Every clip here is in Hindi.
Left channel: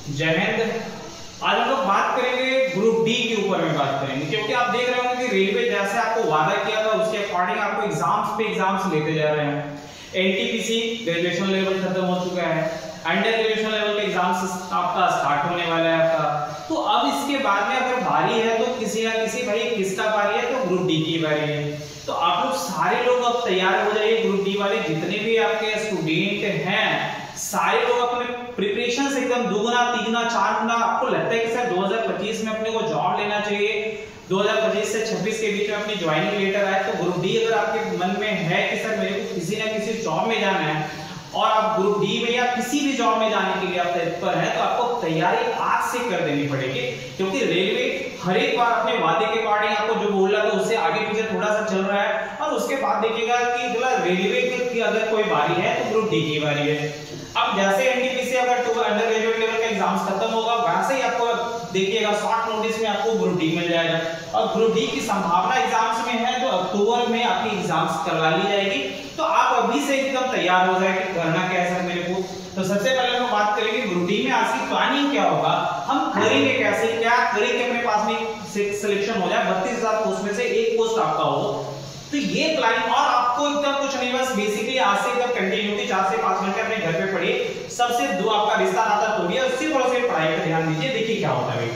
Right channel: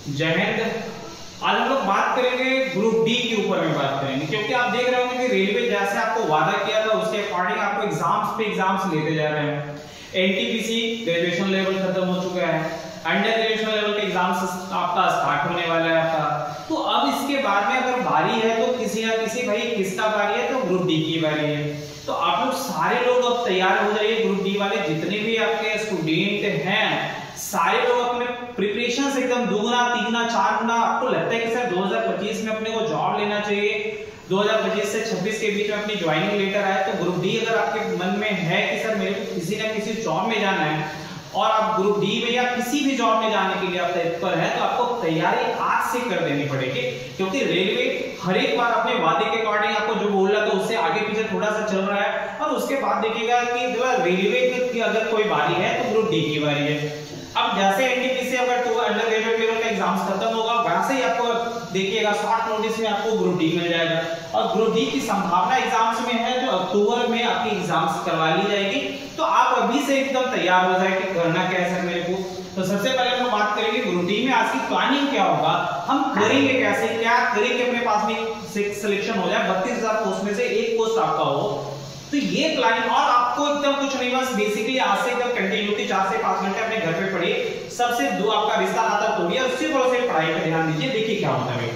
जय हिंद। आज हम लोग बात करेंगे ग्रुप डी के ऊपर में बात करेंगे, क्योंकि आप देख रहे होंगे कि रेलवे जैसे आपको वादा किया था उसके अकॉर्डिंग आपको एग्जाम्स पे एग्जाम्स लेते जा रहे हैं। एनटीपीसी ग्रेजुएशन लेवल खत्म हो चुका है, अंडर ग्रेजुएशन लेवल के एग्जाम्स आपका स्टार्ट होने वाला है आपका। तो अब इसके बाद में अगर बारी है तो किसी ना किसी भाई किसका बारी है, तो ग्रुप डी की बारी है। तो आप लोग सारे लोग अब तैयार हो जाइए। ग्रुप डी वाले जितने भी आपके स्टूडेंट हैं सारे लोग अपने प्रिपरेशन से एकदम दुगुना तिगुना चार गुना। आपको लगता है कि सर 2025 में अपने को जॉब लेना चाहिए, 2025 से 26 के बीच में अपनी ज्वाइनिंग लेटर आए, तो ग्रुप डी अगर आपके मन में है कि सर मेरे को किसी ना किसी जॉब में जाना है और आप ग्रुप डी में या किसी भी जॉब में जाने के लिए आप तत्पर है, तो आपको तैयारी आज से कर देनी पड़ेगी। क्योंकि रेलवे हर एक बार अपने वादे के अकॉर्डिंग आपको जो बोल रहा था उससे आगे पीछे थोड़ा सा चल रहा है। और उसके बाद देखिएगा कि रेलवे की अगर कोई बारी है तो ग्रुप डी की बारी है। अब जैसे एनटीपीसी अगर अंडर ग्रेजुएट लेवल का एग्जाम्स खत्म होगा, वैसे ही आपको देखिएगा शॉर्ट नोटिस में आपको ग्रुप डी मिल जाएगा। और ग्रुप डी की संभावना एग्जाम्स में है तो अक्टूबर में आपकी एग्जाम्स करवा ली जाएगी। तो आप अभी से एकदम तैयार हो जाए कि करना क्या है सर मेरे को। तो सबसे पहले हम बात करेंगे ग्रुप डी में आज की प्लानिंग क्या होगा, हम करेंगे कैसे, क्या करेंगे अपने पास में सिलेक्शन हो जाए, 32,000 पोस्ट में से एक पोस्ट आपका हो, तो ये प्लानिंग। और आपको एकदम कुछ नहीं, बस बेसिकली आज से एकदम कंटिन्यूटी 4 से 5 घंटे अपने घर पे पढ़िए, सबसे दो आपका रिश्ता नाता तोड़िए, उसी तरह से पढ़ाई पर ध्यान दीजिए। देखिए क्या होता है।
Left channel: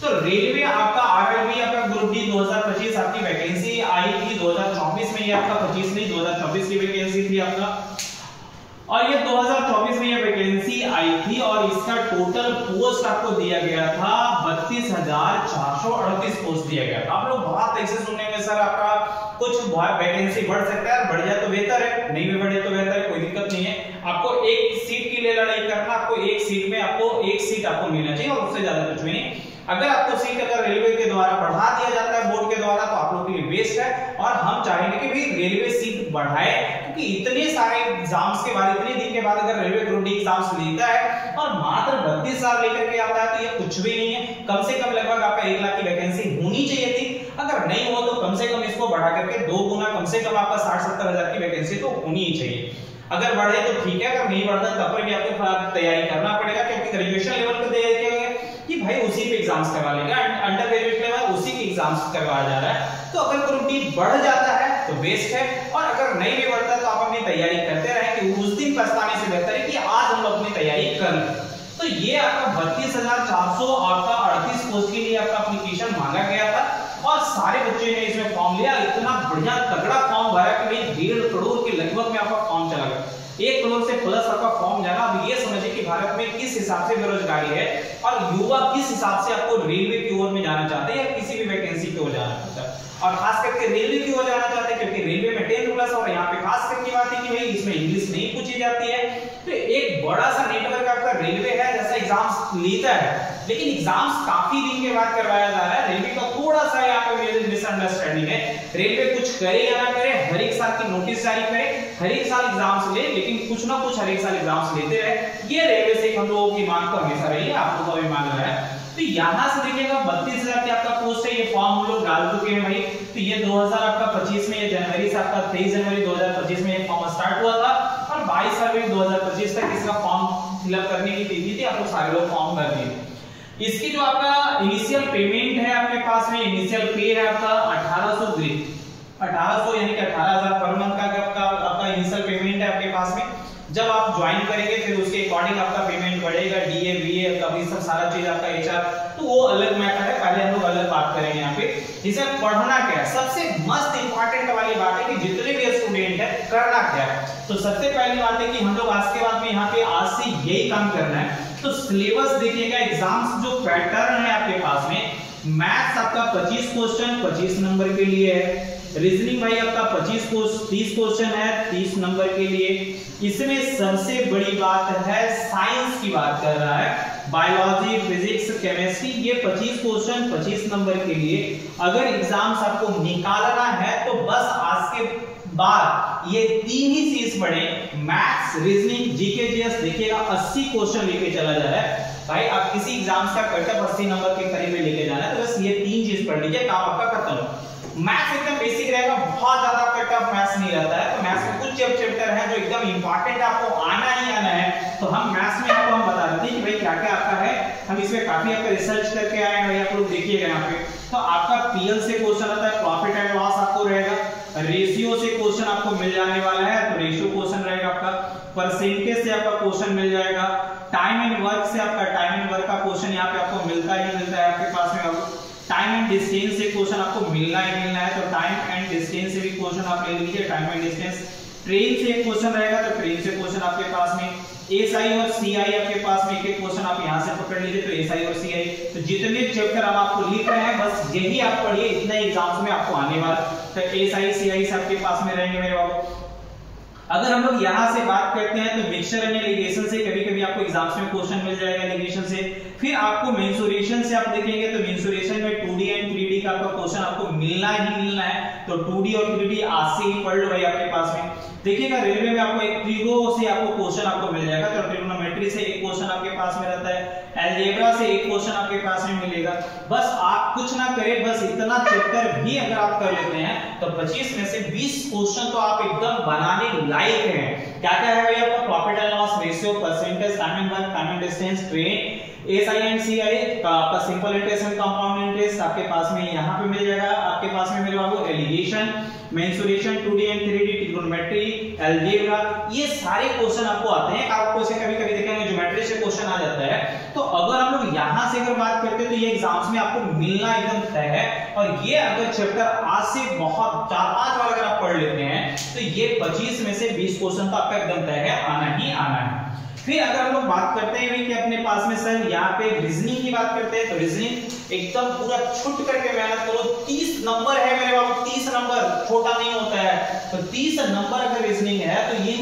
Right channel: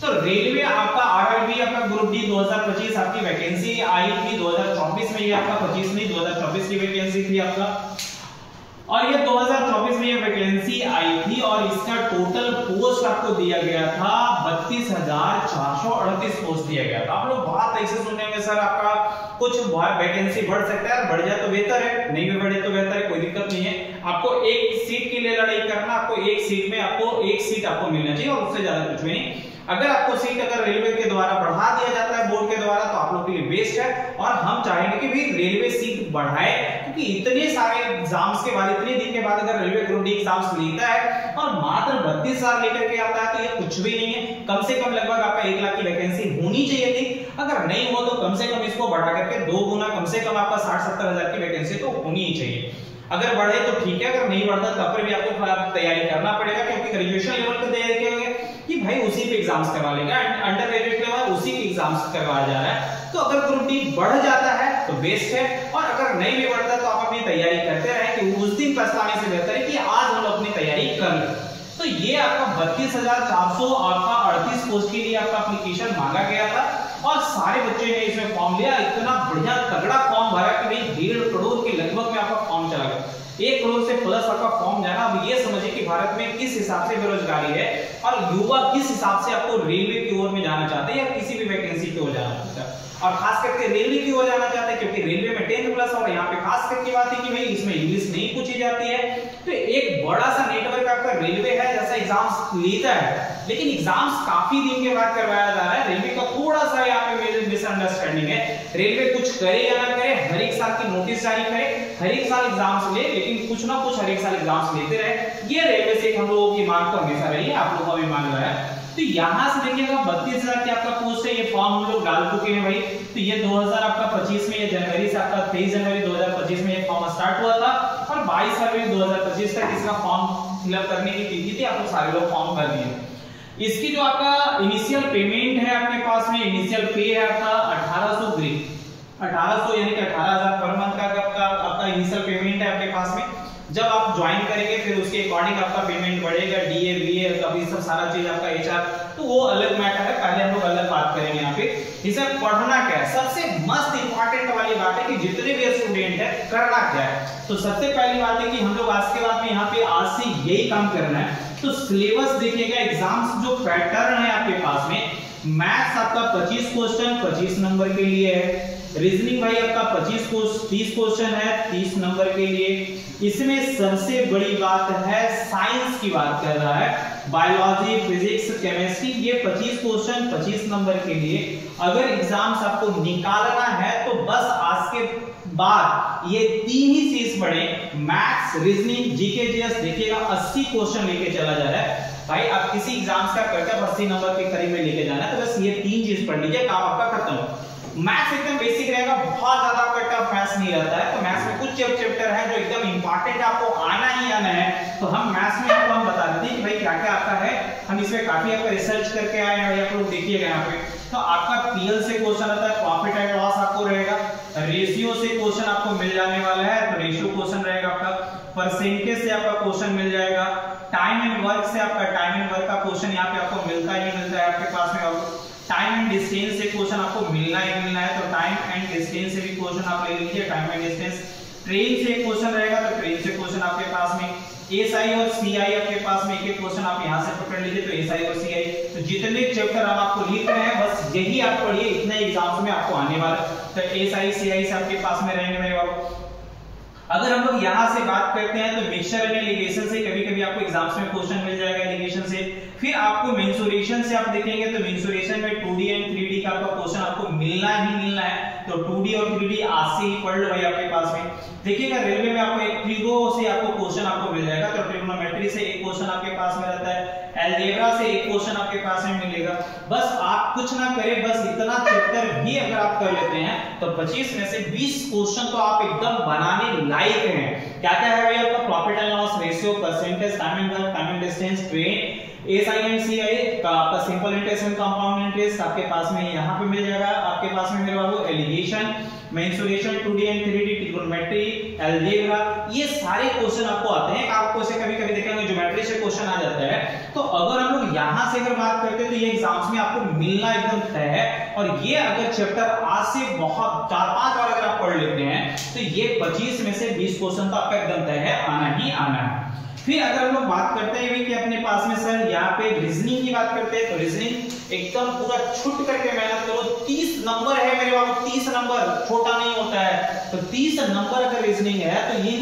तो रेलवे आपका आरआरबी आपका ग्रुप डी 2025 आपकी वैकेंसी आई थी 2024 में, ये आपका 25 नहीं 2024 की वैकेंसी थी आपका, और ये 2024 में ये वैकेंसी आई थी। और इसका टोटल पोस्ट आपको दिया गया था 32,438 पोस्ट दिया गया था। आप लोग बात ऐसे सुनने में सर आपका कुछ वैकेंसी बढ़ सकता है, बढ़ जाए तो बेहतर है, नहीं भी बढ़े तो बेहतर है, कोई दिक्कत नहीं है। आपको एक सीट के लिए लड़ाई करना, आपको एक सीट में आपको एक सीट आपको मिलना चाहिए और उससे ज्यादा कुछ भी नहीं। अगर आपको सीट अगर रेलवे के द्वारा बढ़ा दिया जाता है बोर्ड के द्वारा, तो आप लोग के लिए बेस्ट है। और हम चाहेंगे कि भाई रेलवे सीट बढ़ाए, क्योंकि इतने सारे एग्जाम्स के बाद, इतने दिन के बाद अगर रेलवे ग्रुप डी एग्जाम्स लेता है और मात्र 32,000 लेकर के आता है, तो ये कुछ भी नहीं है। कम से कम लगभग आपका 1 लाख की वैकेंसी होनी चाहिए थी। अगर नहीं हो तो कम से कम इसको बढ़ा करके 2 गुना, कम से कम आपका 60-70 हजार की वैकेंसी तो होनी ही चाहिए। अगर बढ़े तो ठीक है, अगर नहीं बढ़ता तब पर भी आपको तैयारी करना पड़ेगा, क्योंकि ग्रेजुएशन लेवल पर तैयारी किया कि भाई उसी पे एग्जाम्स करवा लेगा, अंडर ग्रेजुएट लेवल उसी के एग्जाम्स करवाया जा रहा है। तो अगर ग्रुप डी बढ़ जाता है तो बेस्ट है, और अगर नहीं भी बढ़ता तो आप अपनी तैयारी करते रहें, कि उस दिन पछताने से बेहतर है कि आज हम लोग अपनी तैयारी कर लें। तो ये आपका 32,438 पोस्ट के लिए आपका एप्लीकेशन मांगा गया था, और सारे बच्चे ने इसमें फॉर्म लिया। इतना बढ़िया तगड़ा फॉर्म भरा कि भाई 1.5 करोड़ के लगभग में आपका फॉर्म चला गया, 1 करोड़ से प्लस आपका फॉर्म जाना। अब ये समझिए कि भारत में किस हिसाब से बेरोजगारी है और युवा किस हिसाब से आपको रेलवे की ओर में जाना चाहते हैं या किसी भी वैकेंसी की ओर जाना चाहता है, और खास करके रेलवे की ओर जाना चाहते हैं, क्योंकि रेलवे में 10th प्लस, और यहाँ पे खास करके बात है कि भाई इसमें इंग्लिश नहीं पूछी जाती है। तो एक बड़ा सा नेटवर्क आपका रेलवे है जैसा एग्जाम्स लेता है, लेकिन एग्जाम्स काफी दिन के बाद करवाया जा रहा है। रेलवे का थोड़ा सा यहाँ पे मिसअंडरस्टैंडिंग है। रेलवे कुछ करे या ना करे, हर एक साल की नोटिस जारी करे, हर एक साल एग्जाम्स ले, लेकिन कुछ ना कुछ हर एक साल एग्जाम्स लेते रहे। ये रेलवे से हम लोगों की मांग तो हमेशा रही है, आप लोगों का भी मांग रहा है। तो यहाँ से देखिएगा 32,000 की आपका पोस्ट है, ये फॉर्म हम लोग डाल चुके हैं भाई। तो ये 2025 में, ये जनवरी से आपका 23 जनवरी 2025 में ये फॉर्म स्टार्ट हुआ था, और 22 फरवरी 2025 तक इसका फॉर्म फिलअप करने की तिथि थी। आप लोग सारे लोग फॉर्म भर दिए। इसकी जो आपका इनिशियल पेमेंट है आपके पास में, इनिशियल पे है आपका 1800 ग्रेड, 1800 यानी कि 18,000 पर मंथ का आपका इनिशियल पेमेंट है आपके पास में। जब आप ज्वाइन करेंगे फिर उसके अकॉर्डिंग आपका पेमेंट बढ़ेगा, डीए बीए कभी सब सारा चीज आपका एचआर, तो वो अलग मैटर है, पहले हम लोग अलग बात करेंगे यहाँ पे। इसे पढ़ना क्या है, सबसे मस्त इंपॉर्टेंट वाली बात है कि जितने भी स्टूडेंट है करना क्या है। तो सबसे पहली बात है कि हम लोग आज के बाद में यहाँ पे आज से यही काम करना है। तो सिलेबस देखिएगा, एग्जाम्स जो पैटर्न है आपके पास में, मैथ्स आपका 25 क्वेश्चन 25 नंबर के लिए है, रीजनिंग भाई आपका 30 क्वेश्चन है 30 नंबर के लिए। इसमें सबसे बड़ी बात है साइंस की बात कर रहा है, बायोलॉजी फिजिक्स केमिस्ट्री, ये 25 क्वेश्चन 25 नंबर के लिए। अगर एग्जाम्स आपको निकालना है तो बस आज के बाद ये 3 ही चीज पढ़े, मैथ्स रीजनिंग जीके जीएस। देखिएगा 80 क्वेश्चन लेके चला जा रहा है भाई। आप किसी एग्जाम्स का कटअप 80 नंबर के करीब में लेके जाना है, तो बस ये 3 चीज पढ़ लीजिए, काम आपका खत्म। मैथ्स एकदम बेसिक रहेगा, बहुत ज्यादा आपका टफ मैथ्स नहीं रहता है। तो मैथ्स में कुछ चैप्टर है जो एकदम इंपॉर्टेंट आपको आना ही आना है। तो हम मैथ्स में आपको हम बता देते हैं कि भाई क्या क्या आपका है। हम इसमें काफी आपका रिसर्च करके आए हैं, आप लोग देखिएगा यहाँ पे। तो आपका पीएल से क्वेश्चन आता है, प्रॉफिट एंड लॉस आपको रहेगा, रेशियो से क्वेश्चन आपको मिल जाने वाला है, तो रेशियो क्वेश्चन रहेगा आपका, परसेंटेज से आपका क्वेश्चन मिल जाएगा, टाइम एंड वर्क से आपका टाइम एंड वर्क का क्वेश्चन यहाँ पे आपको मिलता ही मिलता है आपके पास में। टाइम एंड डिस्टेंस से क्वेश्चन आपको मिलना ही मिलना है, तो टाइम एंड डिस्टेंस से भी क्वेश्चन आप ले लीजिए, टाइम एंड डिस्टेंस। ट्रेन से क्वेश्चन रहेगा, तो ट्रेन से क्वेश्चन आपके पास में, एसआई और सीआई आपके पास में एक क्वेश्चन आप यहां से पकड़ लीजिए, तो एसआई और सीआई। तो जितने चैप्टर हम आपको लिख रहे हैं बस यही आप पढ़िए, इतना एग्जाम्स में आपको आने वाला। तो एसआई सीआई से आपके पास में रहेंगे मेरे बाबू। अगर हम लोग यहां से बात करते हैं तो मिक्सचर एंड एलिगेशन से कभी-कभी आपको एग्जाम्स में क्वेश्चन मिल जाएगा एलिगेशन से। फिर आपको मेंसुरेशन से आप देखेंगे तो मेंसुरेशन में 2D एंड 3D का आपका क्वेश्चन आपको मिलना ही मिलना है, तो 2D और 3D आज से ही पढ़ लो भाई आपके पास में। देखिएगा रेलवे में आपको एक ट्रिगो से आपको क्वेश्चन आपको मिल जाएगा, तो ट्रिग्नोमेट्री से एक क्वेश्चन आपके पास में रहता है, अलजेब्रा से एक क्वेश्चन आपके पास में मिलेगा। बस आप कुछ ना करें, बस इतना चैप्टर भी अगर आप कर लेते हैं तो 25 में से 20 क्वेश्चन तो आप एकदम बनाने लायक हैं। क्या क्या है भाई आपका, profit and loss, ratio, percentage, time and work, time and distance, train, SI and CI का आपका simple interest and compound interest आपके पास में यहाँ पे मिल जाएगा आपके पास में मेरे बाबू। Alligation, mensuration, 2D and 3D, trigonometry, algebra, ये सारे क्वेश्चन आपको आते हैं। आपको से कभी-कभी देखेंगे ज्योमेट्री से क्वेश्चन आ जाता है। तो अगर हम लोग यहां से अगर बात करते हैं तो ये एग्जाम्स में आपको मिलना एकदम तय है। और ये अगर चैप्टर आज से बहुत 4-5 बार अगर आप पढ़ लेते हैं तो ये 25 में से 20 क्वेश्चन तो आपका एकदम तय है, आना ही आना है। फिर अगर हम लोग बात करते हैं कि अपने पास में सर यहाँ पे रीजनिंग की बात करते हैं, तो रीजनिंग एकदम पूरा छुट करके मेहनत करो। 30 नंबर है मेरे बाबू, 30 नंबर छोटा नहीं होता है। तो 30 नंबर अगर रीजनिंग है तो ये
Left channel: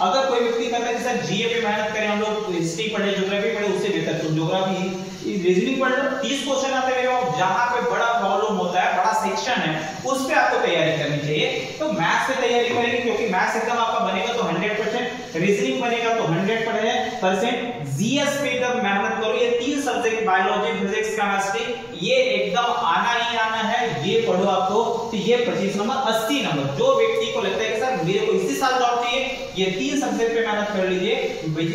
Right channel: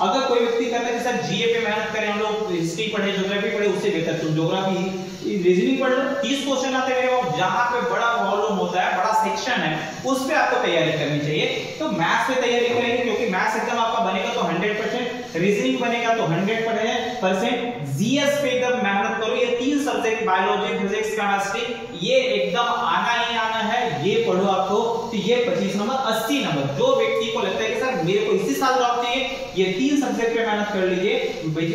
अगर कोई व्यक्ति कहता है कि सर जीए पे मेहनत करें, हम लोग हिस्ट्री पढ़े, ज्योग्राफी पढ़े, उससे बेहतर तो ज्योग्राफी रीजनिंग पढ़ लो। 30 क्वेश्चन आते हैं मेरे, जहां पे बड़ा वॉल्यूम होता है, बड़ा सेक्शन है, उस पे आपको तैयारी करनी चाहिए। तो मैथ्स पे तैयारी करेंगे क्योंकि मैथ्स एकदम आपका बनेगा तो 100%, रीजनिंग बनेगा तो 100%, जीएस पे एकदम मेहनत करो। ये 3 सब्जेक्ट बायोलॉजी, फिजिक्स, केमिस्ट्री, ये एकदम आना ही आना है, ये पढ़ो आपको। तो ये 25 नंबर, 80 नंबर। जो व्यक्ति को लगता है कि सर मेरे को इसी साल जॉब चाहिए, ये 3 सब्जेक्ट पे मेहनत कर लीजिए,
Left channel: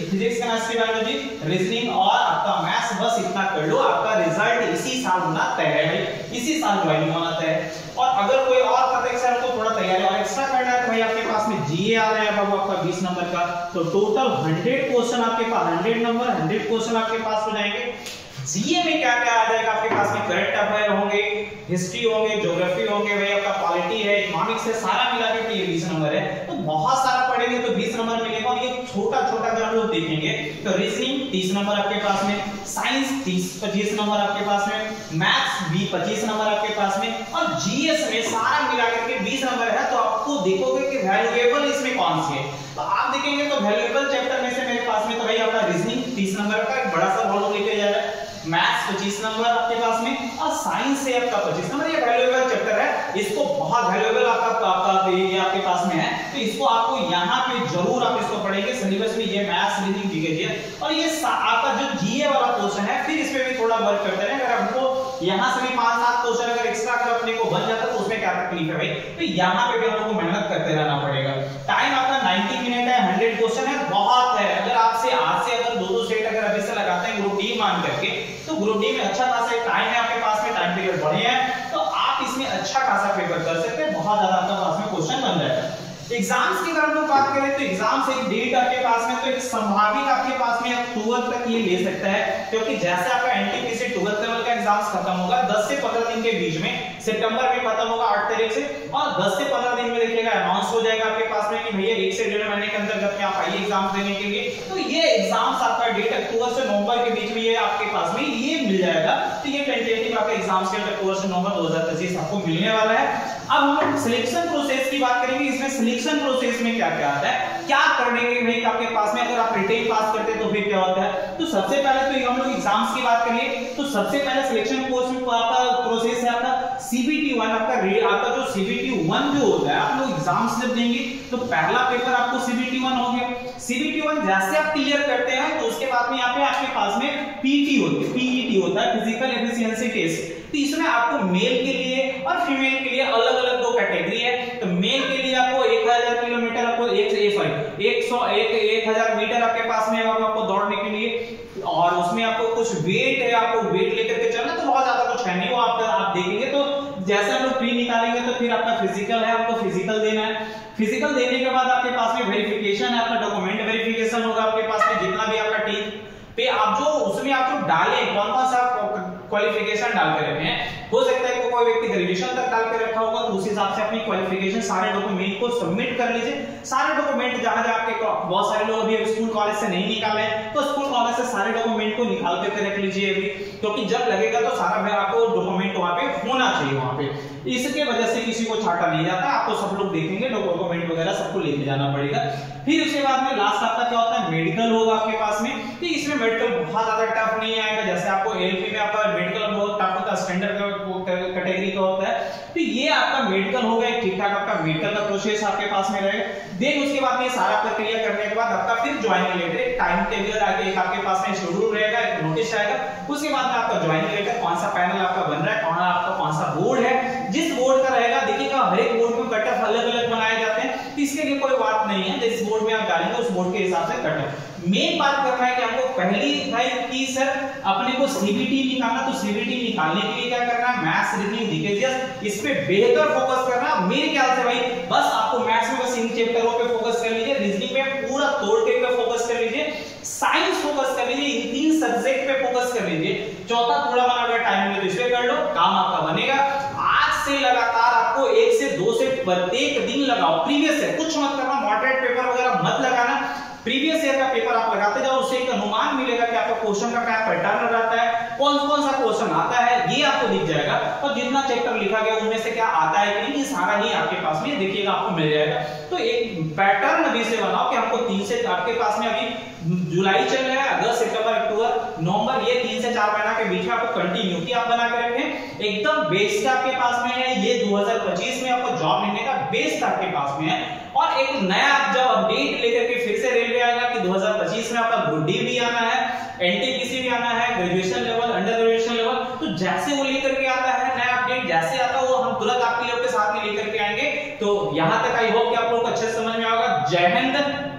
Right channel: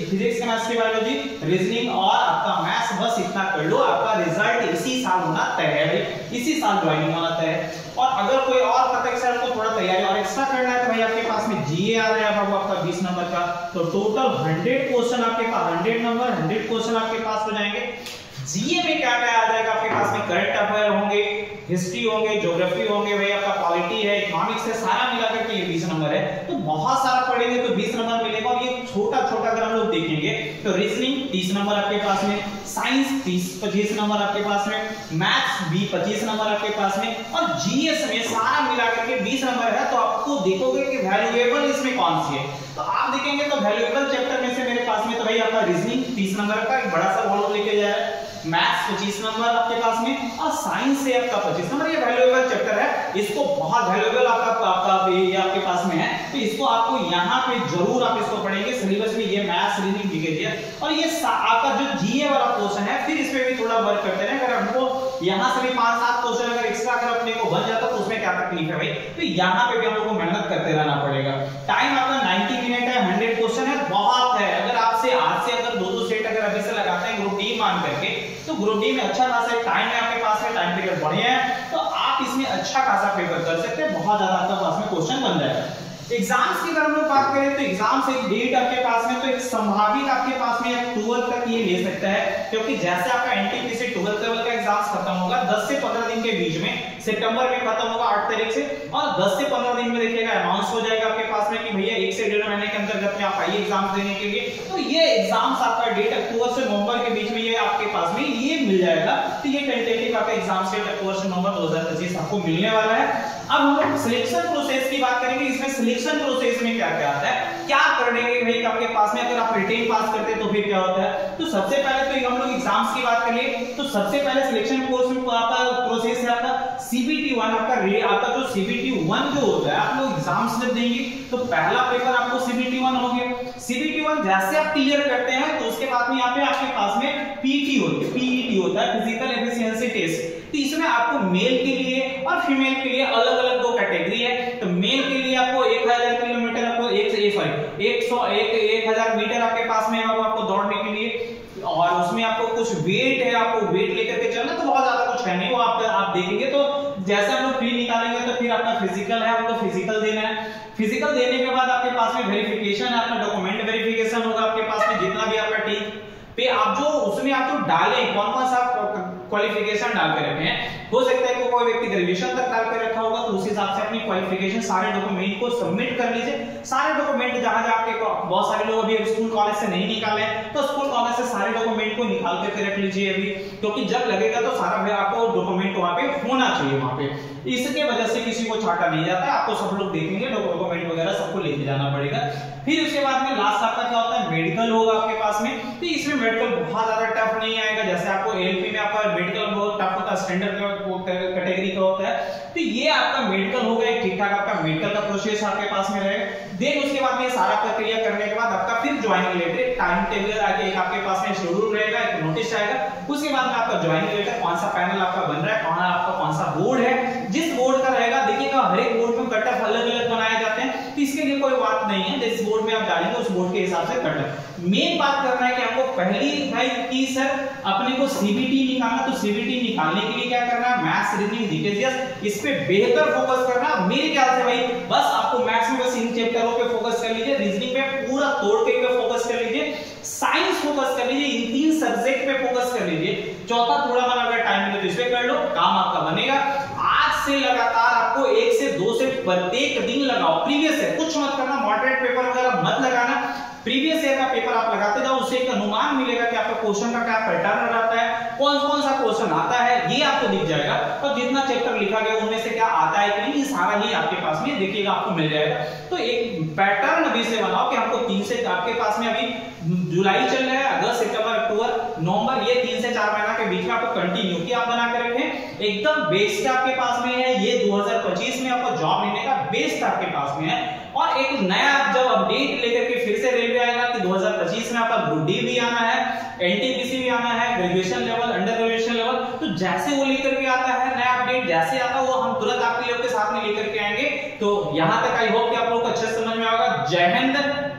फिजिक्स, केमिस्ट्री, बायोलॉजी, रीजनिंग और आपका मैथ्स, बस इतना कर लो, आपका रिजल्ट इसी साल होना तय है भाई, इसी साल ज्वाइनिंग होना तय है। और अगर कोई और करता है सर हमको थोड़ा तैयारी और एक्स्ट्रा करना है तो भाई आपके पास में जीए आ रहा है बाबू आपका 20 नंबर का। तो टोटल 100 क्वेश्चन आपके पास, 100 नंबर, 100 क्वेश्चन आपके पास हो जाएंगे। जीए में क्या क्या आ जाएगा आपके पास में, करंट अफेयर होंगे, हिस्ट्री होंगे, ज्योग्राफी होंगे, भाई आपका पॉलिटी है, इकोनॉमिक्स है, सारा मिलाकर के ये 20 नंबर है। तो बहुत सारा पढ़ेंगे तो 20 नंबर मिलेगा। और ये छोटा छोटा अगर हम लोग देखेंगे तो रीजनिंग 30 नंबर आपके पास में, साइंस 25 नंबर आपके पास में, मैथ्स भी 25 नंबर आपके पास में, और जीएस में सारा मिलाकर के 20 नंबर है। तो आपको देखोगे कि वैल्यूएबल इसमें कौन सी है, तो आप देखेंगे तो वैल्यूएबल चैप्टर में से मेरे पास में तो भाई आपका रीजनिंग 30 नंबर का एक बड़ा सा वॉल्यूम लेके जा रहा है, मैथ्स 25 नंबर आपके पास में, और साइंस से आपका 25 नंबर। ये वैल्यूएबल चैप्टर है, इसको बहुत वैल्यूएबल आपका ये आपके पास में है, तो इसको आपको यहाँ पे जरूर आप इसको पढ़ेंगे। सिलेबस में ये मैथ्स, रीजनिंग दी गई है। और ये आपका जो जीए वाला क्वेश्चन है, फिर इसमें भी थोड़ा वर्क करते हैं। अगर हमको यहाँ से भी 5-7 क्वेश्चन अगर एक्स्ट्रा अगर अपने को बन जाता तो उसमें क्या तकलीफ है भाई, तो यहाँ पे भी हम लोग को मेहनत करते रहना पड़ेगा। टाइम आपका 90 मिनट है, 100 क्वेश्चन है, बहुत है। अगर आपसे आज से अगर 2-2 सेट अगर अभी से लगाते हैं ग्रुप डी मान करके, तो ग्रुप डी में अच्छा खासा टाइम है आपके पास में, टाइम पीरियड बढ़िया है, तो आप इसमें अच्छा खासा पेपर कर सकते हैं, बहुत ज्यादा आपका पास में क्वेश्चन बन जाएगा। एग्जाम्स की अगर हम बात करें तो एग्जाम्स एक डेट आपके पास में, तो एक संभावित आपके पास में 12 तक ये ले सकता है, क्योंकि जैसे आपका एनटीपीसी 12 लेवल का एग्जाम्स खत्म होगा 10 से 15 दिन के बीच में, सितंबर में खत्म होगा 8 तारीख से, और 10 से 15 दिन में देखिएगा अनाउंस हो जाएगा आपके पास में कि भैया 1 से 1.5 महीने के अंतर्गत में आप आइए एग्जाम्स देने के लिए। तो ये एग्जाम्स आपका डेट अक्टूबर से नवंबर के बीच में ये आपके पास में ये मिल जाएगा। तो ये टेंटेटिव आपका एग्जाम्स डेट अक्टूबर से नवंबर 2025 आपको मिलने वाला है। अब हम लोग सिलेक्शन प्रोसेस की बात करेंगे। इसमें सिलेक्शन प्रोसेस में क्या क्या आता है, क्या करेंगे भाई आपके पास में, अगर आप रिटेन पास करते हैं तो फिर क्या होता है। तो सबसे पहले तो हम लोग एग्जाम्स की बात करें तो सबसे पहले सिलेक्शन कोर्स में आपका प्रोसेस है आपका CBT 1, आपका जो CBT 1 जो होता है, आप लोग एग्जाम्स जब देंगे तो पहला पेपर आपको CBT 1 हो गया। CBT 1 जैसे आप क्लियर करते हैं तो उसके बाद में यहाँ पे आपके पास में PET होता है, फिजिकल एफिशिएंसी टेस्ट। तो इसमें आपको मेल के लिए और फीमेल के लिए अलग अलग 2 कैटेगरी है। तो मेल के लिए आपको 1000 किलोमीटर आपको 1000 मीटर आपके पास में आपको दौड़ने के लिए, और उसमें आपको कुछ वेट है, आपको वेट लेकर के चलना, तो बहुत ज्यादा कुछ है नहीं वो आप देखेंगे। तो जैसे हम लोग प्री निकालेंगे तो फिर आपका फिजिकल है, आपको फिजिकल देना है। फिजिकल देने के बाद आपके पास में वेरिफिकेशन है, आपका डॉक्यूमेंट वेरिफिकेशन होगा आपके पास में, जितना भी आपका टीम पे आप जो उसमें आप जो डालें कौन कौन सा क्वालिफिकेशन डाल के रखे हैं। हो सकता है कि कोई व्यक्ति ग्रेजुएशन तक डाल के रखा होगा, तो उस हिसाब से अपनी क्वालिफिकेशन सारे डॉक्यूमेंट को सबमिट कर लीजिए। सारे डॉक्यूमेंट जहां जहां आपके बहुत सारे लोग अभी स्कूल कॉलेज से नहीं निकाले हैं, तो स्कूल कॉलेज से सारे डॉक्यूमेंट को निकाल करके रख लीजिए अभी, क्योंकि जब लगेगा तो सारा आपको डॉक्यूमेंट वहां पे होना चाहिए वहां पे। इसके वजह से किसी को छाटा नहीं जाता है, आपको सब लोग देखेंगे, डॉक्यूमेंट वगैरह सबको लेके जाना पड़ेगा। फिर उसके बाद में लास्ट आपका क्या होता है, मेडिकल होगा आपके पास में। तो इसमें मेडिकल बहुत ज्यादा टफ नहीं आएगा, जैसे आपको एलपी में आपका मेडिकल बहुत टफ होता है, स्टैंडर्ड कैटेगरी का होता है। तो ये आपका मेडिकल होगा, एक ठीक ठाक आपका मेडिकल का प्रोसेस आपके पास में रहेगा। देन उसके बाद में सारा प्रक्रिया करने के बाद आपका फिर ज्वाइनिंग लेटर, एक टाइम टेबल आके एक आपके पास में शेड्यूल रहेगा, एक नोटिस आएगा। उसके बाद में आपका ज्वाइनिंग लेटर, कौन सा पैनल आपका बन रहा है, कौन सा बोर्ड है, जिस बोर्ड का रहेगा, देखिएगा हर एक बोर्ड में कट ऑफ अलग अलग बनाए जाते हैं, तो इसके लिए कोई बात नहीं है, जिस बोर्ड में आप डालेंगे उस बोर्ड के हिसाब से कट ऑफ। मेन बात कर रहा है कि हमको पहली भाई की सर अपने को सीबीटी निकालना, तो सीबीटी निकालने के लिए क्या करना है, मैथ्स, रीजनिंग, जीके, इस पे बेहतर फोकस करना। मेरे ख्याल से भाई बस आपको मैथ्स में बस इन चैप्टरों पे फोकस कर लीजिए, रीजनिंग पे पूरा तोड़ के फोकस कर लीजिए, साइंस फोकस कर लीजिए, इन 3 सब्जेक्ट पे फोकस कर लीजिए। चौथा थोड़ा बड़ा अगर टाइम मिले तो इस पे कर लो, काम आपका बनेगा। आज से लगातार आपको 1 से 2 सेट प्रत्येक दिन लगाओ। प्रीवियस ईयर कुछ मत करना, मॉडरेट पेपर वगैरह मत लगाना, प्रीवियस ईयर का पेपर आप लगाते जाओ, उससे एक अनुमान मिलेगा कि आपका क्वेश्चन का क्या पैटर्न रहता है, कौन कौन सा क्वेश्चन आता है, ये आपको दिख जाएगा। और जितना चैप्टर लिखा गया उनमें से क्या आता है कि नहीं, ये सारा ही आपके पास में देखिएगा, आपको मिल जाएगा। तो एक पैटर्न अभी से बनाओ कि हमको 3 से आपके पास में अभी जुलाई चल रहा है, अगस्त, सितंबर, अक्टूबर, नवंबर, ये 3 से 4 महीना के बीच में आपको कंटिन्यूटी आप बना के रखें। एकदम बेस्ट आपके पास में है, ये 2025 में आपको जॉब लेने का बेस्ट आपके पास में है। और एक नया जब अपडेट लेकर के फिर से रेलवे आएगा कि 2025 में आपका ग्रुप डी भी आना है, एनटीपीसी भी आना है, graduation level, under graduation level, तो जैसे वो लेकर के आता है नया अपडेट, जैसे आता है वो हम तुरंत आपके लोग के साथ में लेकर के आएंगे। तो यहां तक आई होप कि आप लोग को अच्छे समझ में आएगा। जय हिंद।